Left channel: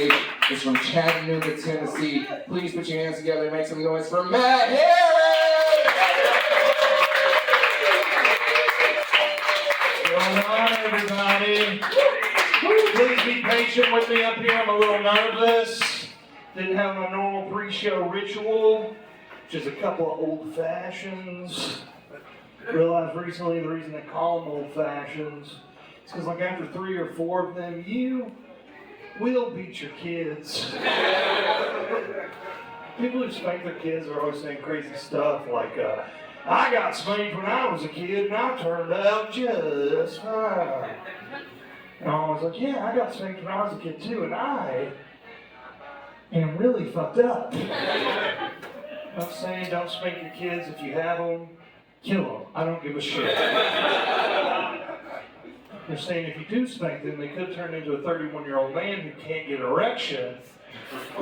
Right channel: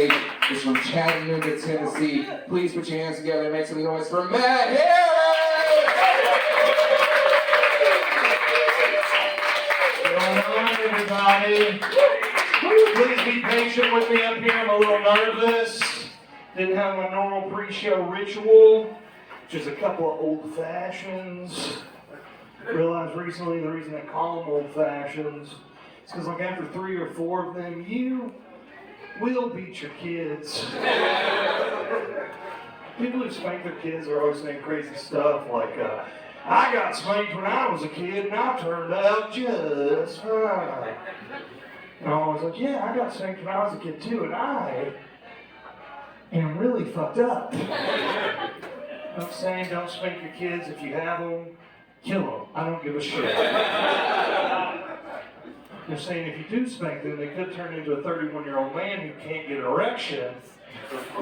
is from Chattanooga, Tennessee. Please put your hands together and make some noise for Matt Harris! What's going on, everybody? Please be patient with me up here. I'm a little nervous. Didn't have my normal pre-show ritual, which is a couple of old fashions. Realized recently the reason they call them old fashions is because like after 3 or 4 of them, you will beat your kids. People who spank their kids are always saying crazy stuff like, I got spanked when I was a kid and I turned out just fine. And I'm always like, yeah, I got spanked when I was a kid too, and I am really fucked up. I'm saying don't spank your kids. If you have them, kill them. I don't give a shit. They're saying if you do spank them, they could turn into a 31-year-old man who can't get an erection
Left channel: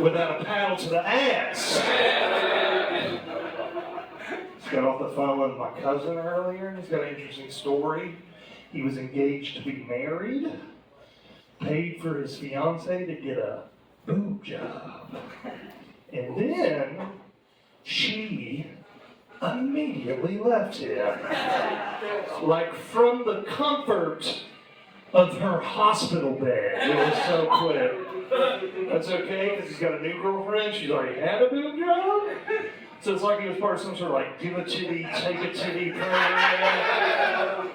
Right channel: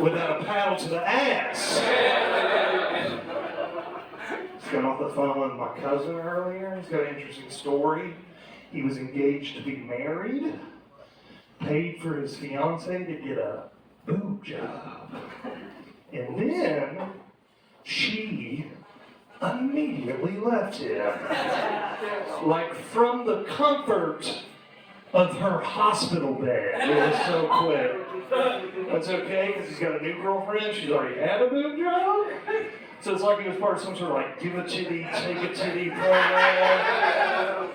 without a paddle to the ass. Just got off the phone with my cousin earlier. He's got an interesting story. He was engaged to be married, paid for his fiancée to get a boob job. And then she immediately left him. Like from the comfort of her hospital bed. It was so quick. That's okay, because he's got a new girlfriend. She's already had a boob job. So it's like he was part of some sort of like give a titty, take a titty program.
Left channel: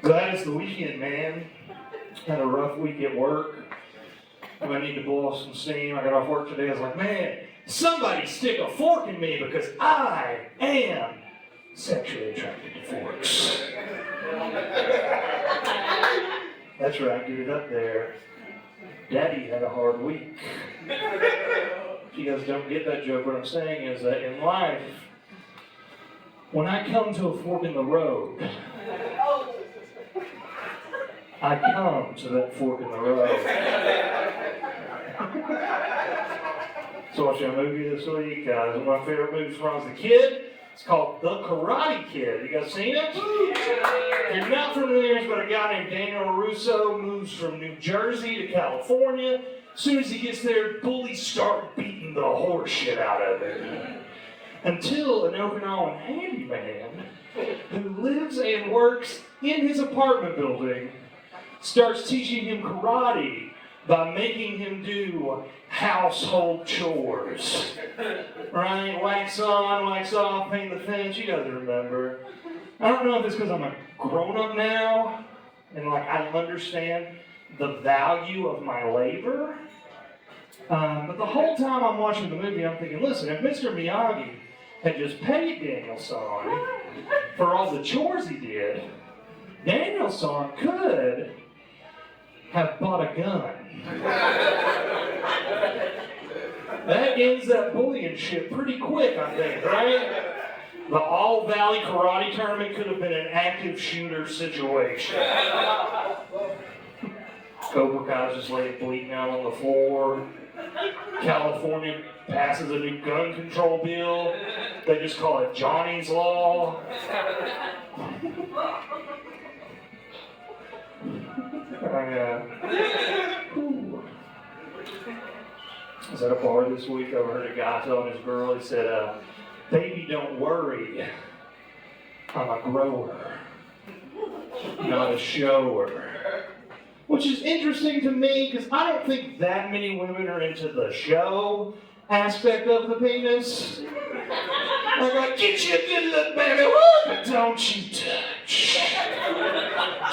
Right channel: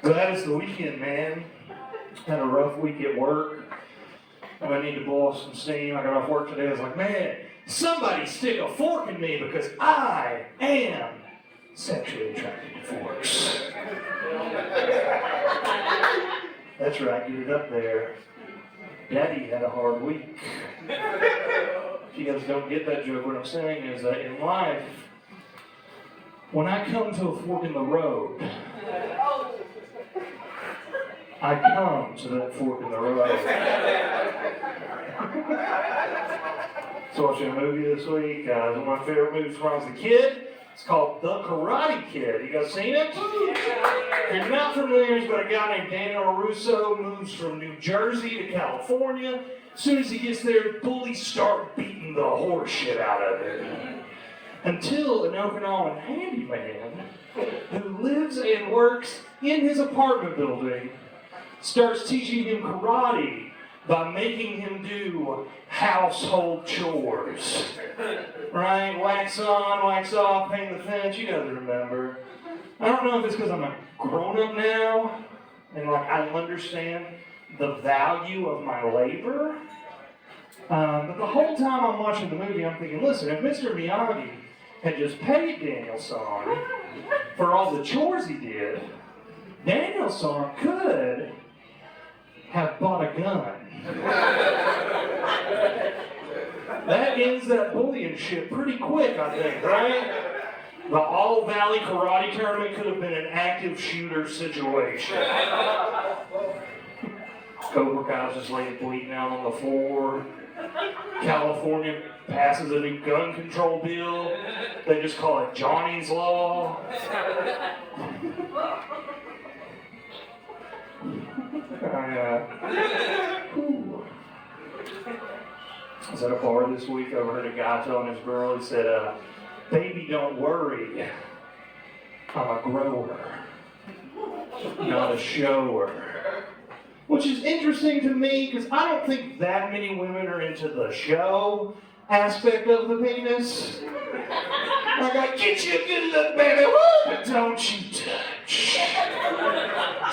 Glad it's the weekend, man. Had a rough week at work. I need to blow off some steam. I got off work today. I was like, man, somebody stick a fork in me because I am sexually attracted to forks. That's right, get it up there. Daddy had a hard week. If you guys don't get that joke, what I'm saying is that in life, when I come to a fork in the road, I come to that fork in the road. So watching a movie this week, one of my favorite movies when I was a kid. It's called The Karate Kid. You guys seen it? If you're not familiar, it's about a guy named Daniel LaRusso, moves from New Jersey to California. As soon as he gets there, bullies start beating the horse shit out of him. Until an Okinawan handyman who lives and works in his apartment building starts teaching him karate by making him do household chores. Right? Wax on, wax off, paint the fence, you guys remember. I don't know if it's because I'm a grown-up now and like I understand the value of my labor. But the whole time I'm watching the movie, I'm thinking, listen, if Mr. Miyagi had just paid Daniel-san for all the chores he did, Daniel-san could have bought a gun. That ends that bullying shit pretty quick, I think, right? The All Valley Karate Tournament could have been an active shooter situation. Cobra Kai's just laying bleeding out on the floor. California passes a new gun control bill. They just call it Johnny's Law. I was at a bar this week. I overheard a guy telling his girl, he said, baby, don't worry. I'm a grower, not a shower. Which is interesting to me because I don't think that many women are into the show aspect of the penis. Like, I get you a good look, baby, woo, but don't you touch.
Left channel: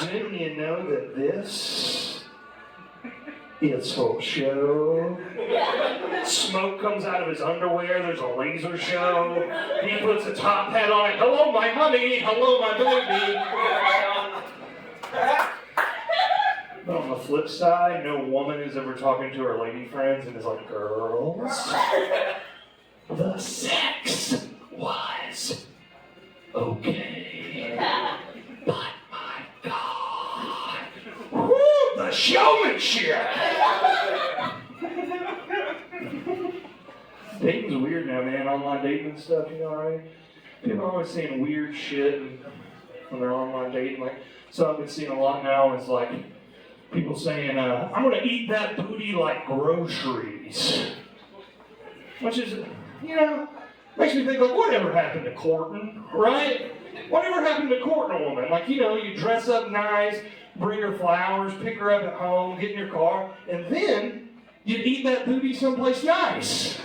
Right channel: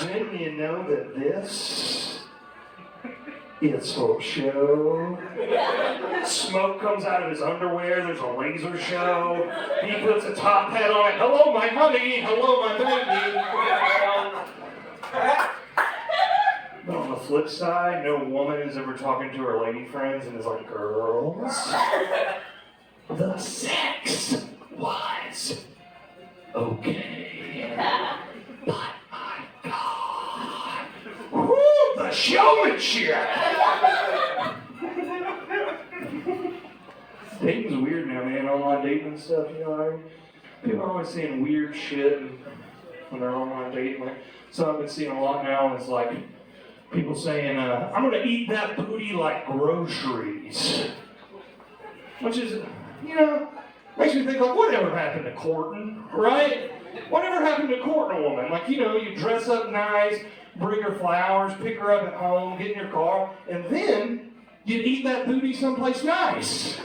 Didn't you know that this is for show? Smoke comes out of his underwear, there's a laser show. He puts a top hat on. Hello, my honey. Hello, my baby. But on the flip side, no woman is ever talking to her lady friends and is like, girls, the sex was okay. But my God, whoo, the showmanship! Dating's weird now, man. Online dating and stuff, you know what I mean? People are always saying weird shit when they're online dating. Like, so I've been seeing a lot now, and it's like, People saying, I'm gonna eat that booty like groceries. Which is, makes me think like, whatever happened to courting, right? Whatever happened to courting a woman? Like, you dress up nice, bring her flowers, pick her up at home, get in your car, and then you eat that booty someplace nice.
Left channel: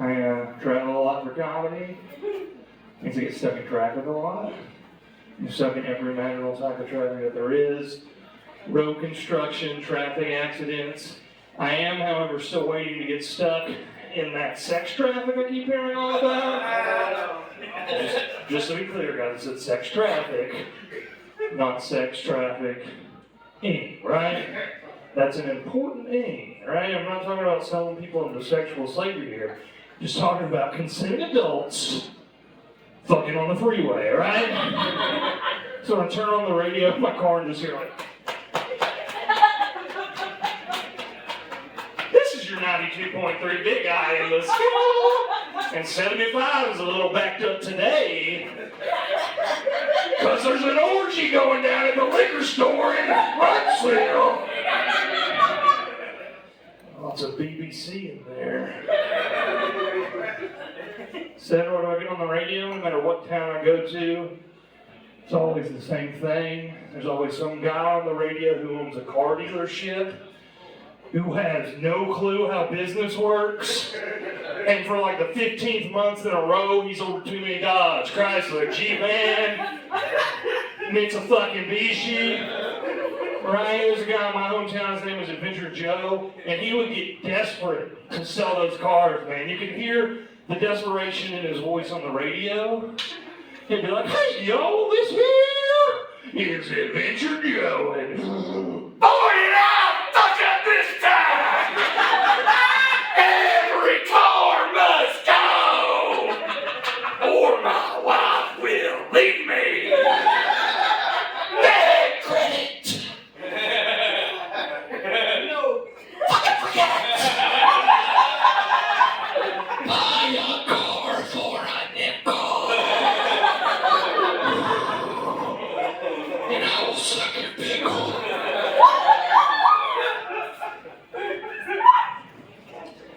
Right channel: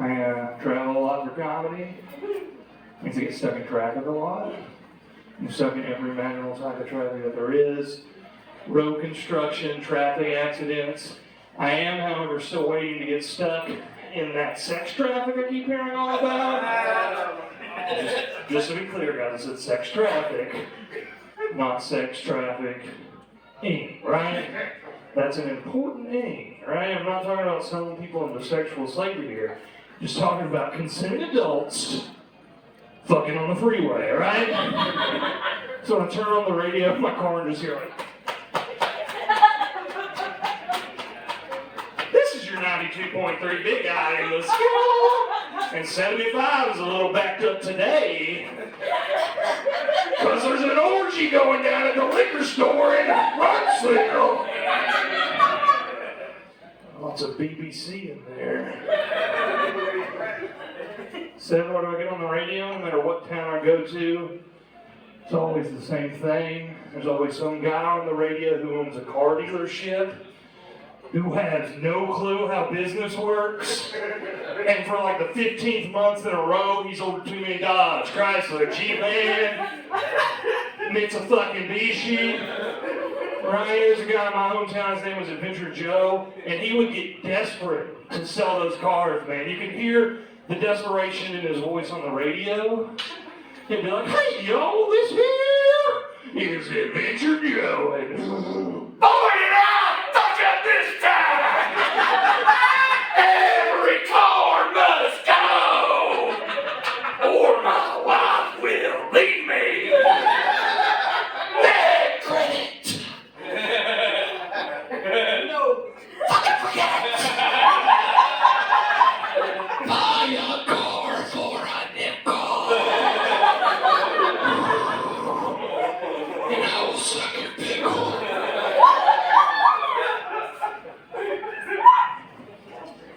I travel a lot for comedy. Means I get stuck in traffic a lot. I'm stuck in every imaginable type of traffic that there is. Road construction, traffic accidents. I am, however, still waiting to get stuck in that sex traffic I keep hearing all about. Just to be clear, guys, it's sex traffic, not sex traffic, right? That's an important thing, right? I'm not talking about selling people into sexual slavery here. Just talking about consenting adults fucking on the freeway, right? So I turn on the radio in my car and just hear like, this is your 92.3 Big Eye in the sky. And 75 is a little backed up today. Because there's an orgy going down at the liquor store in Huntsville. Lots of BBC in there. Said, what do I get on the radio? No matter what town I go to, it's always the same thing. There's always some guy on the radio who owns a car dealership who has no clue how business works. And for like the 15th month in a row, he's ordered too many Dodge, Chrysler, G-Man, Mitsubishi. Right, there's a guy in my hometown, his name was Adventure Joe, and he would get desperate to sell those cars, man. You can hear the desperation in his voice on the radio. He'd be like, hey, y'all, this here is Adventure Joe. And, oh, yeah, fuck up this time! Every car must go, or my wife will leave me. Bad credit. No. Fucking forget it. Buy a car for a nickel. And I will suck your pickle.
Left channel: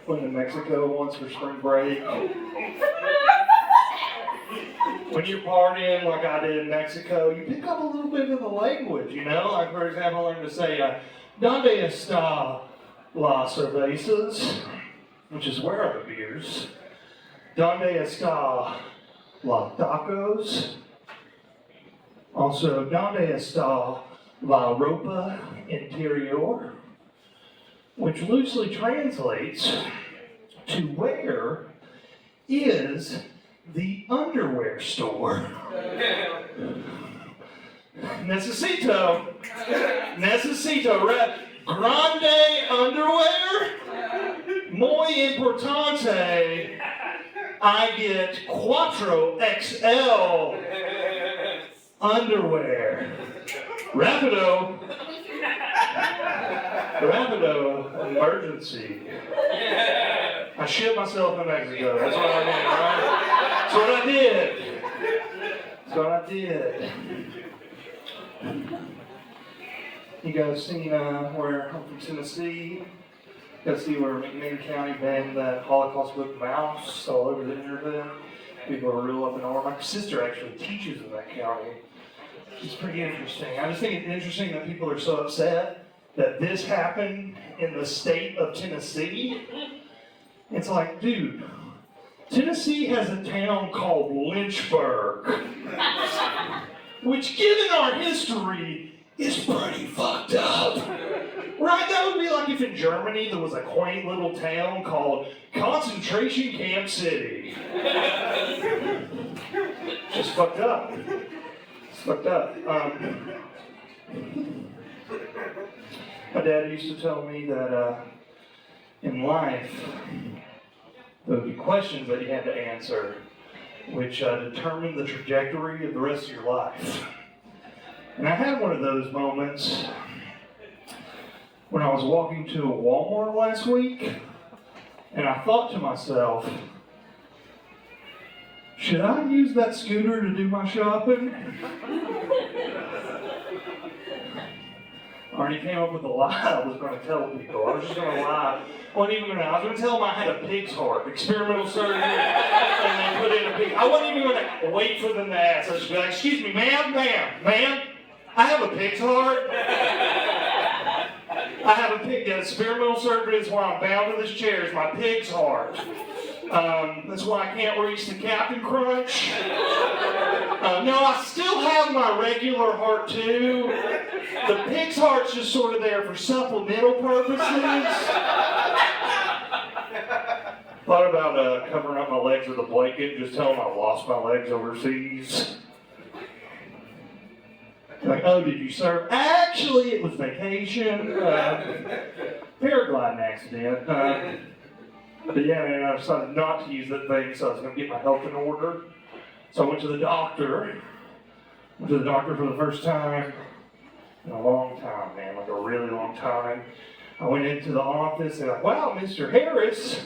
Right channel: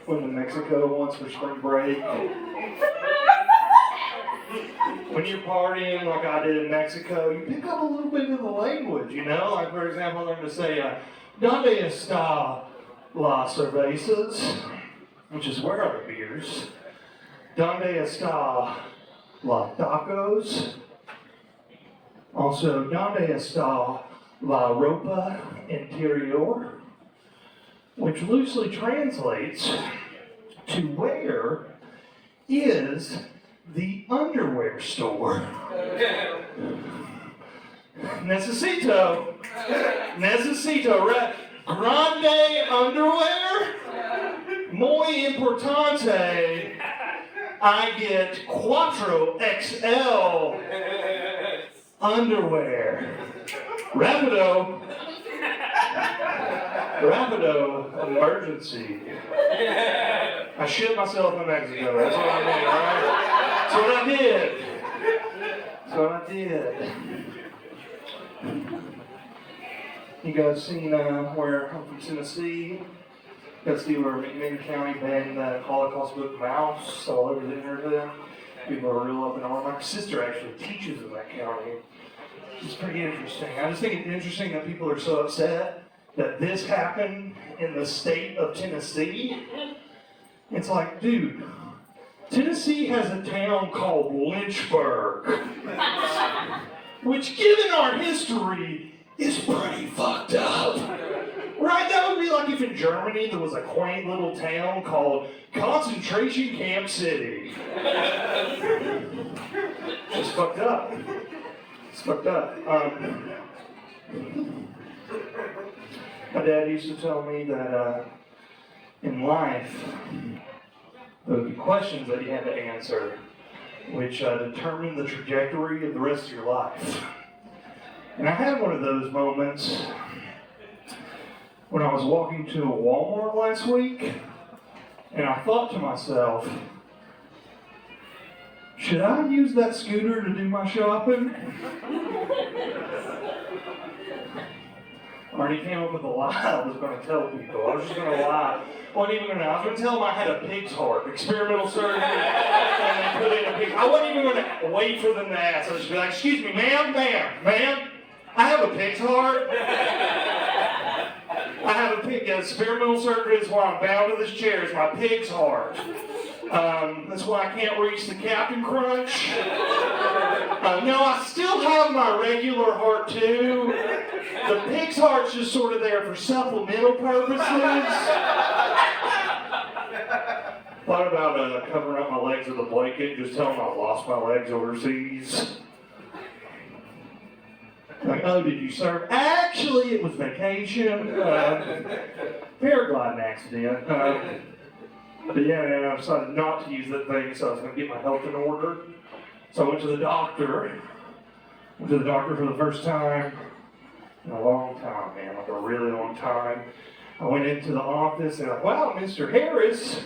Went to Mexico once for spring break. When you're partying like I did in Mexico, you pick up a little bit of the language, Like, for example, I learned to say, ¿Dónde está las cervezas? Which is, where are the beers? ¿Dónde está los tacos? Also, ¿Dónde está la ropa interior? Which loosely translates to where is the underwear store. Necesito, grande underwear, muy importante, I get 4XL underwear. Rapido emergency. I shit myself in Mexico. That's what I mean, right? That's what I did. You guys seen where I'm from Tennessee? You guys see where McMinn County banned that Holocaust book Mouse all over the internet? People are real up in arms. My sister actually teaches in that county. It's pretty interesting. I just think it's interesting that people are so upset that this happened in the state of Tennessee. It's like, dude, Tennessee has a town called Lynchburg, which, given our history, is pretty fucked up. Right? That would be like if in Germany there was a quaint little town called Concentration Camp City. It's fucked up. It's fucked up. My dad used to tell me that in life, there would be questions that you had to answer, which determine the trajectory of the rest of your life. And I had one of those moments when I was walking to a Walmart last week, and I thought to myself, should I use that scooter to do my shopping? I already came up with a lie I was going to tell people. I was just going to lie. I wasn't even going to. I was going to tell them I had a pig's heart, experimental surgery, and they put in a pig. I wasn't even going to wait for them to ask. I was just be like, "Excuse me, ma'am, I have a pig's heart. I have a pig. Yeah, experimental surgery is why I'm bound to this chair. Is my pig's heart. That's why I can't reach the Captain Crunch. No, I still have my regular heart too. The pig's heart's just sort of there for supplemental purposes. Thought about covering up my legs with a blanket, just tell them I lost my legs overseas. Like, oh, did you serve? Actually, it was vacation. Paragliding accident. But yeah, man, I decided not to use that thing, so I was going to get my health in order. So I went to the doctor. Went to the doctor for the first time in a long time, man, like a really long time. I went into the office and like, wow, Mr. Harris,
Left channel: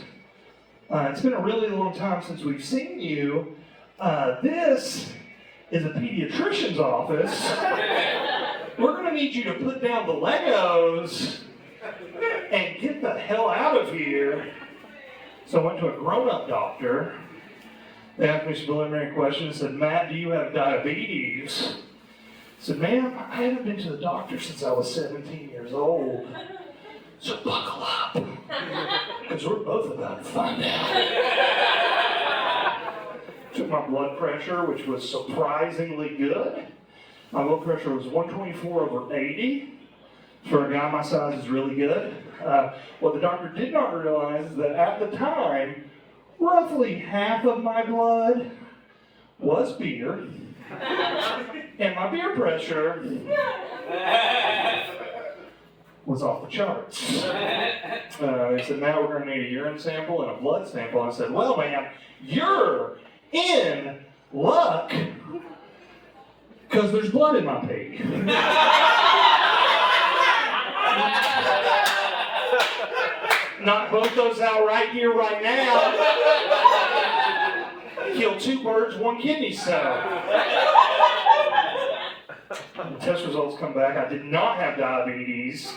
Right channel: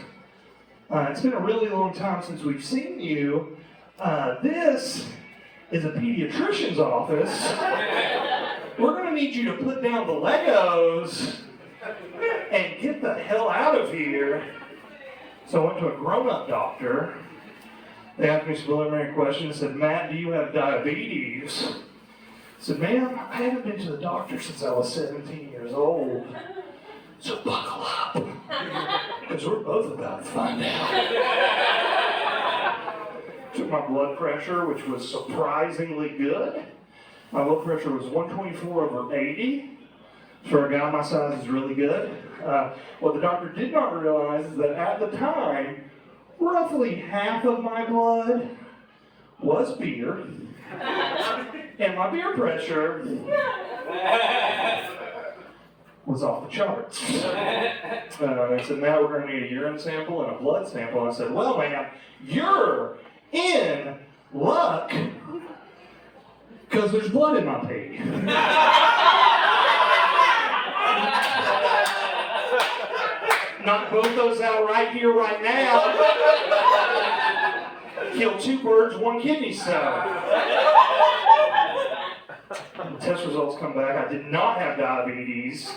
it's been a really long time since we've seen you. This is a pediatrician's office. We're going to need you to put down the Legos and get the hell out of here. So I went to a grown-up doctor. They asked me some preliminary questions. Said, Matt, do you have diabetes? I said, ma'am, I haven't been to the doctor since I was 17 years old. So buckle up, because we're both about to find out. Took my blood pressure, which was surprisingly good. My blood pressure was 124/80. For a guy my size is really good. What the doctor did not realize is that at the time, roughly half of my blood was beer, and my beer pressure was off the charts. They said, Matt, we're going to need a urine sample and a blood sample. I said, well, ma'am, you're in luck because there's blood in my pee. Knock both those out right here, right now. Kill 2 birds, 1 kidney stone. The test results come back. I did not have diabetes,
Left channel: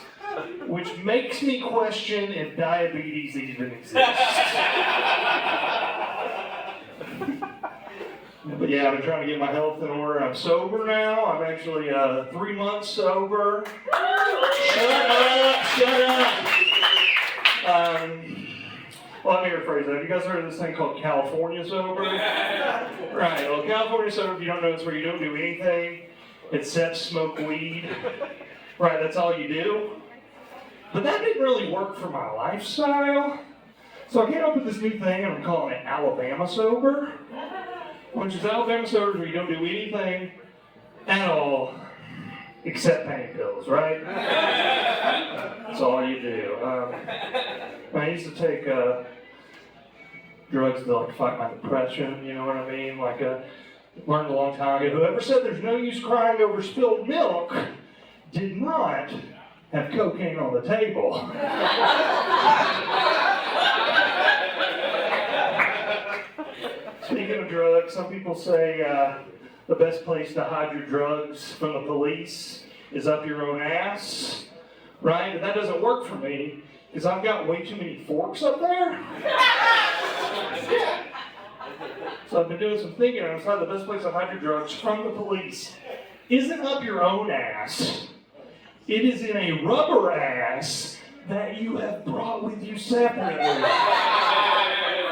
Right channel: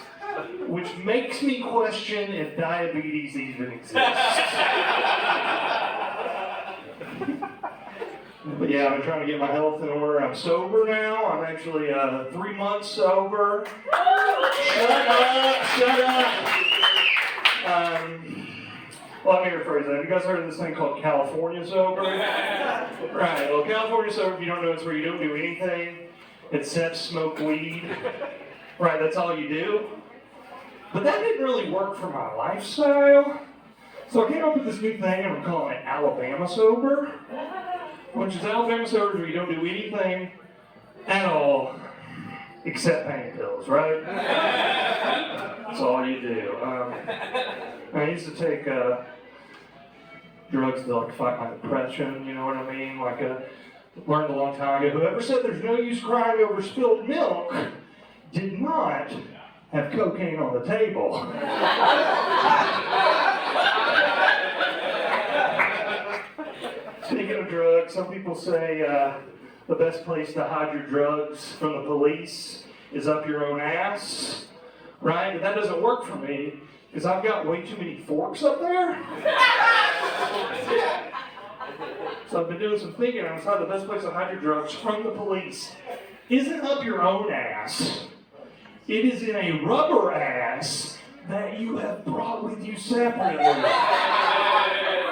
which makes me question if diabetes even exists. But yeah, I've been trying to get my health in order. I'm sober now. I'm actually 3 months sober. Shut up. Well, let me rephrase that. Have you guys heard of this thing called California sober? Right. Well, California sober, if you don't know, it's where you don't do anything except smoke weed. Right, that's all you do. But that didn't really work for my lifestyle. So I came up with this new thing, and I'm calling it Alabama sober. Which is Alabama sober where you don't do anything at all except pain pills, right? That's all you do. I used to take drugs to like fight my depression, you know what I mean? Like learned a long time ago. Whoever said there's no use crying over spilled milk did not have cocaine on the table. Speaking of drugs, some people say the best place to hide your drugs from the police is up your own ass, right? But that doesn't work for me because I've got way too many forks up there. So I've been doing some thinking, and I decided the best place to hide your drugs from the police isn't up your own ass. It is in a rubber ass that you have brought with you separately.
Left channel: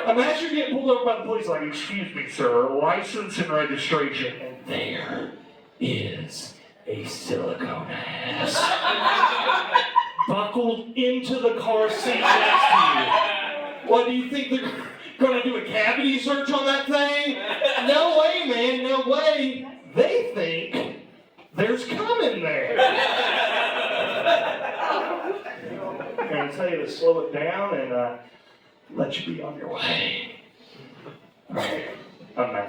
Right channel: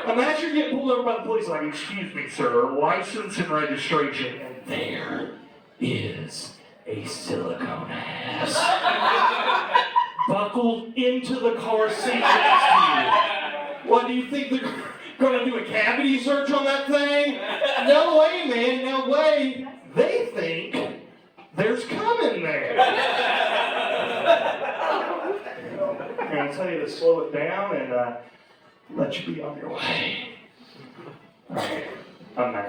Imagine getting pulled over by the police like, excuse me, sir, license and registration. And there is a silicone ass buckled into the car seat next to you. What, do you think they're going to do a cavity search on that thing? No way, man, no way. They think there's cum in there. And I tell you to slow it down and let you be on your way. All right. I'm not.